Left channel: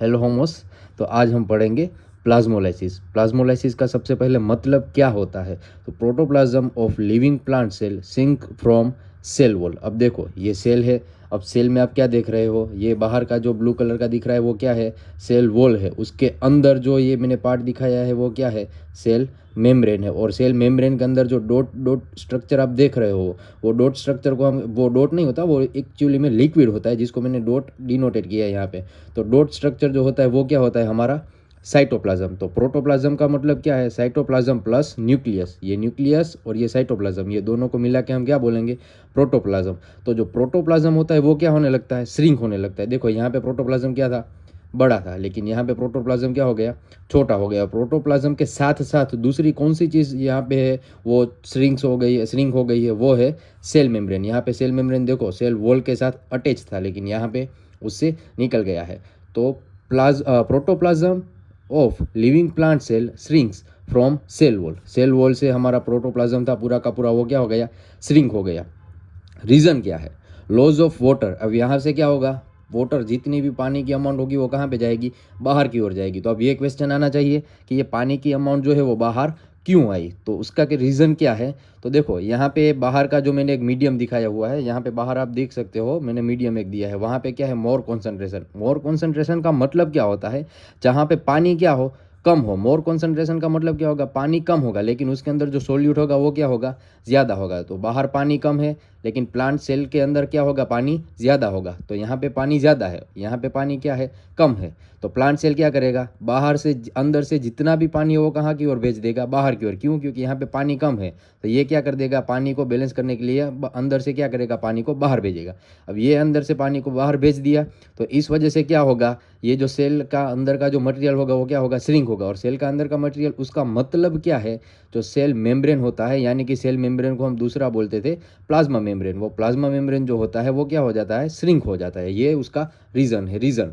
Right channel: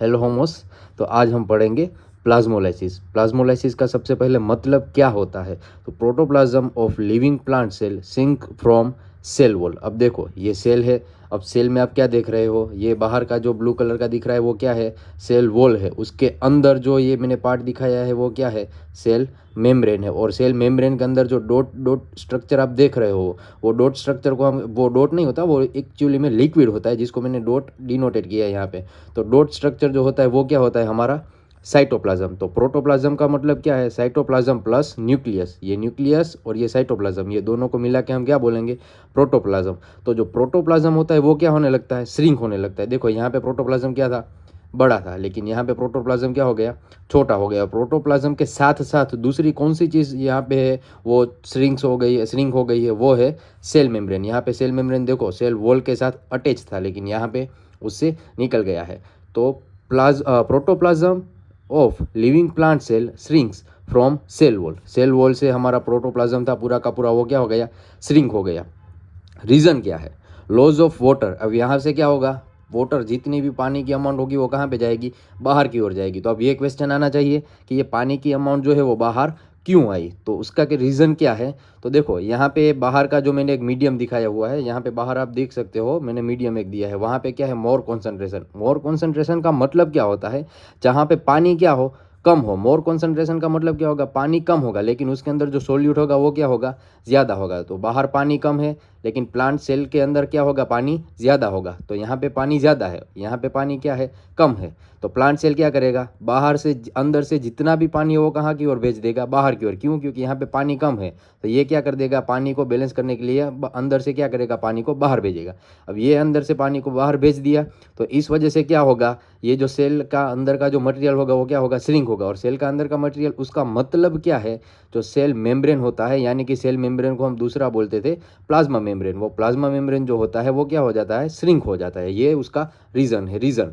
Hello homos. तो आज हम पढ़ेंगे प्लाज्मोलाइसिस। प्लाज्मोलाइसिस का सबसे पहले मतलब क्या होता है। तो protoplasm of living plant cell sink from cell wall. अब देखो ये सेल है। अब सेल में आप क्या देख रहे हो, ये बाहर का जो ब्लू कलर का दिख रहा है वो क्या है, सेल वॉल है। उसके अंदर जो ये मैंने पार्ट दिखाया है वो क्या है, सेल मेम्ब्रेन है। और सेल मेम्ब्रेन के अंदर जो डॉट डॉट स्ट्रक्चर आप देख रहे हो, वो डॉट स्ट्रक्चर को हम, वो डॉट नहीं होता, वो एक्चुअली में लिक्विड होता है जिसको मैंने डॉट डिनोटेड किया है यहाँ पे। तो डॉट स्ट्रक्चर जो होता है वो क्या होता है हमारा, साइटोप्लाज्म। तो प्रोटोप्लाज्म का मतलब क्या है, साइटोप्लाज्म प्लस न्यूक्लियस। ये न्यूक्लियस और ये साइटोप्लाज्म, ये दोनों को मिला के हम क्या बोलेंगे, प्रोटोप्लाज्म। तो जो प्रोटोप्लाज्म होता है वो क्या होने लगता है, श्रिंक होने लगता है। देखो यहाँ पे प्रोटोप्लाज्म क्या था, बड़ा था, लेकिन यहाँ पे प्रोटोप्लाज्म क्या हो गया, छोटा हो गया। प्रोटोप्लाज्म के साथ साथ दूसरी कौन सी चीज़ यहाँ पे है, वो श्रिंक्स हो गई है, श्रिंक हो गई है, वो है सेल मेम्ब्रेन। यहाँ पे सेल मेम्ब्रेन देखो सेल वॉल के साथ अटैच था, लेकिन यहाँ पे उससे निकल गया है। तो protoplasm of living plant cell shrinks from cell wall. Cell wall से हमारा प्रोटोप्लाज्म था पूरा का पूरा, वो क्या हो गया, श्रिंक हो गया। रीज़न क्या है, लॉज ऑफ वाटर। अब यहाँ से क्या होगा, वाटर जितनी भी पानी की अमाउंट होगी वो कहाँ पे जाएगी, बाहर की ओर जाएगी। तो अब ये क्वेश्चन आना चाहिए कि ये पानी की अमाउंट जो है वो बाहर क्यों आई, तो उसका के रीज़न क्या है। तो देखो यहाँ पे बाहर का जो मैंने एक मीडियम दिखाया हुआ है, यहाँ पे बाहर आप देख सकते हो मैंने मीडियम एक दिया है, वहाँ पे क्या है, मोर कॉन्सेंट्रेशन। मोर कॉन्सेंट्रेशन का मतलब क्या होता है, जहाँ पे पानी क्या हो, कम हो। मोर कॉन्सेंट्रेशन का मतलब क्या होगा, पानी कम होगा लेकिन उसके अंदर जो सोल्यूट होगा वो क्या होगा, ज़्यादा होगा। तो बाहर पानी कम है लेकिन प्लांट सेल के अंदर क्या होगा, पानी ज़्यादा होगा। तो यहाँ पे पानी ज़्यादा है, यहाँ पे पानी क्या है, कम है। तो प्लांट सेल क्या करेगा, बाहर से अंदर से जितना भी पानी है वो कहाँ की ओर भेज देगा, बाहर की ओर। क्यों, क्योंकि यहाँ पे पानी कम है। तो ये क्या कर देगा, पानी को बैलेंस करने के लिए अंदर से क्या करेगा, पानी को बाहर भेजेगा। अब ये अंदर से पानी को बाहर भेज दिया तो इस वजह से क्या होगा, ये जो सेल का अंदर का जो मटेरियल होगा वो क्या होगा, श्रिंक होगा। और सेल का अंदर का मटेरियल, उसका मतलब क्या है, जो सेल मेम्ब्रेन होता है, यानी कि सेल मेम्ब्रेन को हम दूसरा बोलते थे प्लाज्मा मेम्ब्रेन, वो प्लाज्मा मेम्ब्रेन जो होता है वो क्या हो जाता है, श्रिंक हो जाता है। ये उसका रीज़न है। Reason,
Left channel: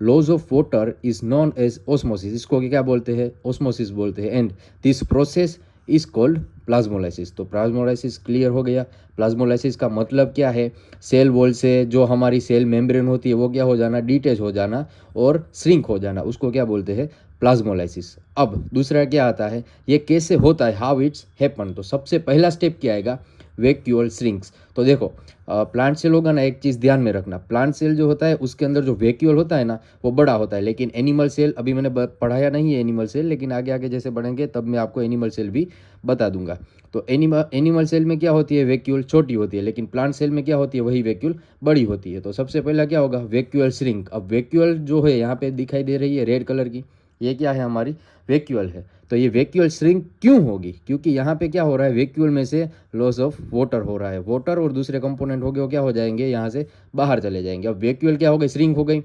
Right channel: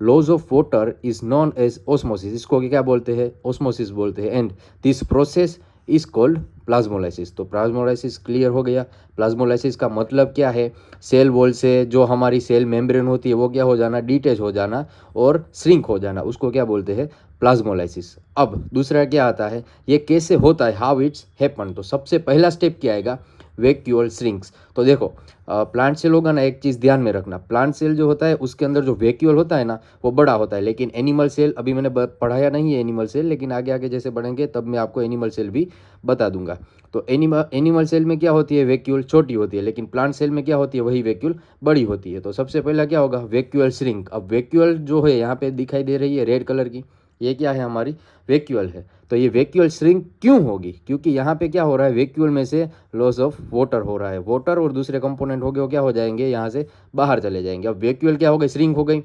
loss of water is known as osmosis. इसको क्या बोलते हैं, ऑस्मोसिस बोलते हैं। And this process is called plasmolysis. तो प्लाज्मोलाइसिस क्लियर हो गया। प्लाज्मोलाइसिस का मतलब क्या है, सेल वॉल से जो हमारी सेल मेम्ब्रेन होती है वो क्या हो जाना, डिटेच हो जाना और श्रिंक हो जाना, उसको क्या बोलते हैं, प्लाज्मोलाइसिस। अब दूसरा क्या आता है, ये कैसे होता है, हाउ इट्स हैपन। तो सबसे पहला स्टेप क्या आएगा, वैक्यूअल श्रिंक्स। तो देखो प्लांट सेल होगा ना, एक चीज़ ध्यान में रखना, प्लांट सेल जो होता है उसके अंदर जो वैक्यूअल होता है ना वो बड़ा होता है। लेकिन एनिमल सेल अभी मैंने पढ़ाया नहीं है एनिमल सेल, लेकिन आगे आगे जैसे बढ़ेंगे तब मैं आपको एनिमल सेल भी बता दूंगा। तो एनिमल सेल में क्या होती है, वैक्यूअल छोटी होती है, लेकिन प्लांट सेल में क्या होती है, वही वैक्यूल बड़ी होती है। तो सबसे पहला क्या होगा, वैक्यूअल श्रिंक। अब वैक्यूअल जो है यहाँ पे दिखाई दे रही है रेड कलर की, ये क्या है, हमारी वैक्यूअल है। तो ये वैक्यूअल श्रिंक क्यों होगी, क्योंकि यहाँ पे क्या हो रहा है, वैक्यूअल में से लॉस ऑफ वाटर हो रहा है। वाटर और दूसरे कंपोनेंट हो गए वो क्या हो जाएंगे, यहाँ से बाहर चले जाएंगे। अब वैक्यूअल क्या हो गई, श्रिंक हो गई।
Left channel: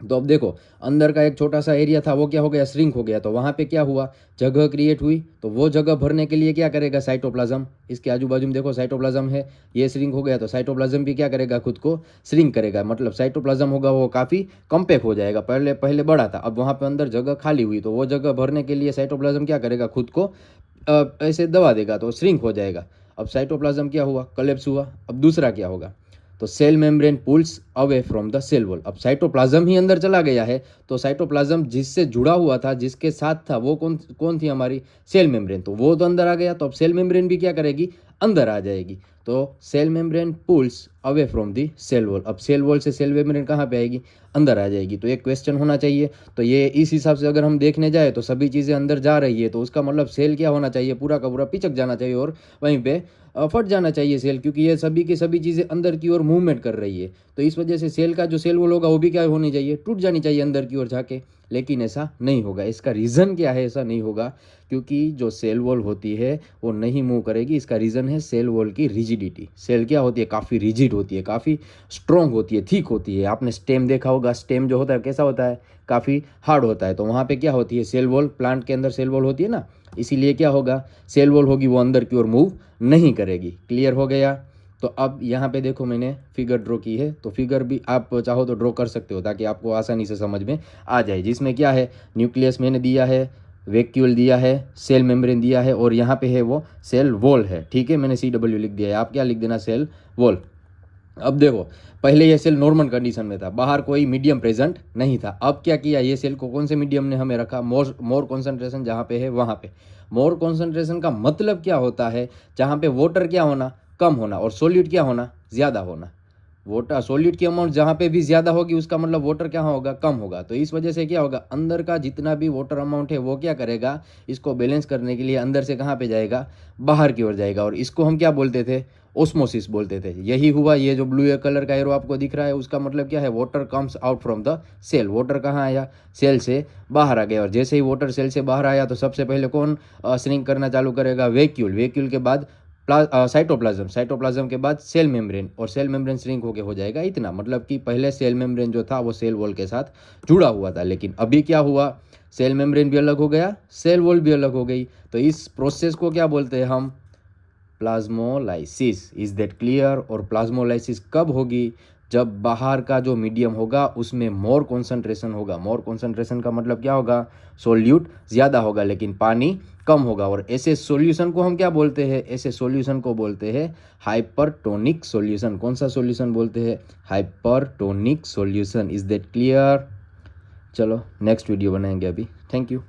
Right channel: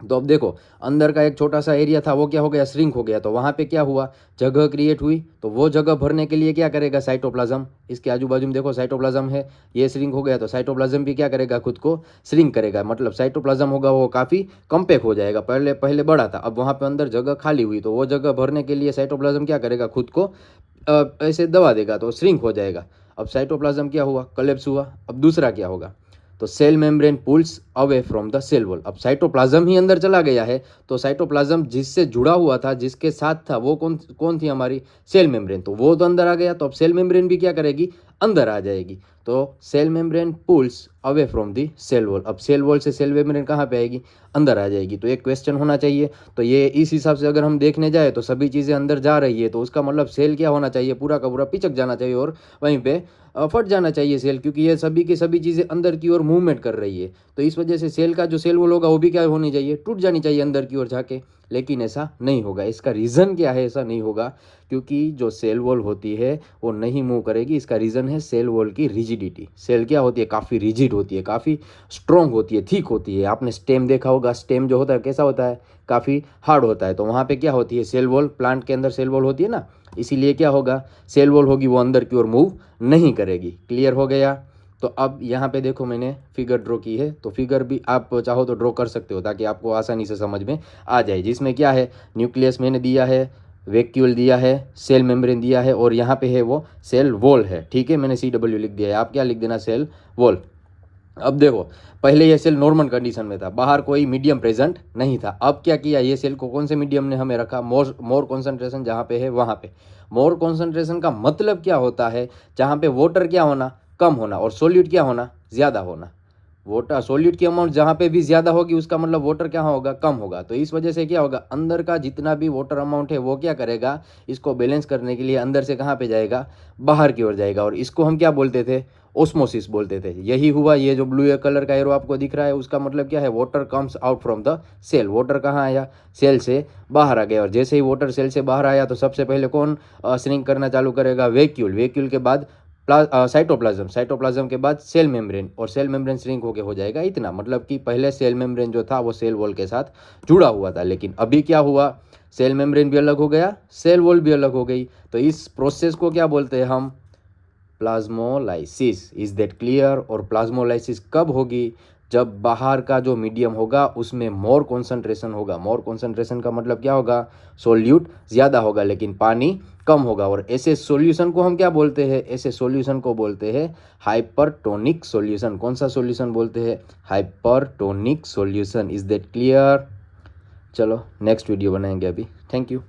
तो अब देखो अंदर का एक छोटा सा एरिया था वो क्या हो गया, श्रिंक हो गया। तो वहाँ पे क्या हुआ, जगह क्रिएट हुई। तो वो जगह भरने के लिए क्या करेगा, साइटोप्लाज्म। इसके आजू बाजू में देखो साइटोप्लाज्म है, ये श्रिंक हो गया तो साइटोप्लाज्म भी क्या करेगा, खुद को श्रिंक करेगा। मतलब साइटोप्लाज्म होगा वो काफ़ी कम्पैक्ट हो जाएगा। पहले पहले बड़ा था, अब वहाँ पे अंदर जगह खाली हुई, तो वो जगह भरने के लिए साइटोप्लाज्म क्या करेगा, खुद को ऐसे दबा देगा तो श्रिंक हो जाएगा। अब साइटोप्लाज्म क्या हुआ, कोलैप्स हुआ। अब दूसरा क्या होगा, तो cell membrane pulls away from the cell wall. अब साइटोप्लाज्म ही अंदर चला गया है, तो साइटोप्लाज्म जिससे जुड़ा हुआ था, जिसके साथ था, वो कौन कौन थी, हमारी सेल मेम्ब्रेन। तो वो तो अंदर आ गया, तो अब सेल मेम्ब्रेन भी क्या करेगी, अंदर आ जाएगी। तो cell membrane pulls away from the cell wall. अब सेल वॉल से सेल मेम्ब्रेन कहाँ पे आएगी, अंदर आ जाएगी। तो एक क्वेश्चन होना चाहिए। तो ये इस हिसाब से अगर हम देखने जाए तो सभी चीज़ें अंदर जा रही है, तो उसका मतलब सेल क्या होना चाहिए, पूरा का पूरा पिचक जाना चाहिए और वहीं पे फट जाना चाहिए सेल, क्योंकि ये सभी की सभी चीज़ें अंदर की ओर मूवमेंट कर रही है। तो इस वजह से सेल का जो सेल वॉल होगा वो भी क्या होनी चाहिए, टूट जानी चाहिए अंदर की ओर जाके। लेकिन ऐसा नहीं होगा। इसका रीज़न क्या है, ऐसा नहीं होगा क्योंकि जो सेल वॉल होती है वो नहीं मूव करेगी। इसका रीज़न है सेल वॉल की रिजिडिटी। सेल क्या होती है, काफ़ी रिजिड होती है, काफ़ी स्ट्रॉन्ग होती है, थिक होती है। आपने स्टेम देखा होगा, स्टेम जो होता है कैसा होता है, काफ़ी हार्ड होता है। तो वहाँ पे क्या होती है, सेल वॉल, प्लांट के अंदर सेल वॉल होती है ना, इसीलिए क्या होगा, सेल वॉल होगी वो अंदर की ओर मूव नहीं करेगी। क्लियर हो गया। तो अब यहाँ पे देखो मैंने फिगर ड्रॉ की है, तो फिगर भी आप चाहो तो ड्रॉ कर सकते हो ताकि आपको आसानी से समझ में आ जाए। जिसमें क्या है, न्यूक्लियस मैंने दिया है, वैक्यूल दिया है, सेल मेम्ब्रेन दिया है, और यहाँ पे है वो सेल वॉल है। ठीक है, मैंने CW लिख दिया है, आप क्या लिख देना, सेल वॉल। अब देखो, पहले ये सेल नॉर्मल कंडीशन में था, बाहर कोई मीडियम प्रेजेंट नहीं था। अब क्या किया, ये सेल को कौन से मीडियम ने हमें रखा, मोर कॉन्सेंट्रेशन जहाँ पे है वहाँ पे। मोर कॉन्सेंट्रेशन का मतलब क्या होता है, जहाँ पे वाटर क्या होना, कम होना, और सोल्यूट क्या होना, ज़्यादा होना। वाटर सोल्यूट की अमाउंट जहाँ पे भी ज़्यादा होगी उसका मतलब वाटर क्या होगा, कम होगा। तो इस वजह से क्या होगा, अंदर का जितना भी वाटर अमाउंट है वो क्या करेगा, इसको बैलेंस करने के लिए अंदर से कहाँ पे जाएगा, बाहर की ओर जाएगा। और इसको हम क्या बोलते थे, ओस्मोसिस बोलते थे। यही हुआ, ये जो ब्लू कलर का एरो आपको दिख रहा है उसका मतलब क्या है, water comes out from the cell. Water कहाँ आया, सेल से बाहर आ गया। और जैसे ही वाटर सेल से बाहर आया तो सबसे पहले कौन श्रिंक करना चालू करेगा, वैक्यूल। वैक्यूल के बाद साइटोप्लाज्म, साइटोप्लाज्म के बाद सेल मेम्ब्रेन, और सेल मेम्ब्रेन श्रिंक होके हो जाएगा इतना। मतलब कि पहले सेल मेम्ब्रेन जो था वो सेल वॉल के साथ जुड़ा हुआ था, लेकिन अभी क्या हुआ, सेल मेम्ब्रेन भी अलग हो गया, सेल वॉल भी अलग हो गई। तो इस प्रोसेस को क्या बोलते हैं हम, प्लाज्मोलाइसिस। Is that clear. और प्लाज्मोलाइसिस कब होगी, जब बाहर का जो मीडियम होगा उसमें मोर कॉन्सेंट्रेशन होगा। मोर कॉन्सेंट्रेशन का मतलब क्या होगा, सोल्यूट ज़्यादा होगा लेकिन पानी कम होगा। और ऐसे सॉल्यूशन को हम क्या बोलते हैं, ऐसे सॉल्यूशन को बोलते हैं हाइपरटोनिक सॉल्यूशन। कौन सा सॉल्यूशन बोलते हैं, hypertonic solution. Is that clear. चलो नेक्स्ट वीडियो बनाएंगे अभी। Thank you.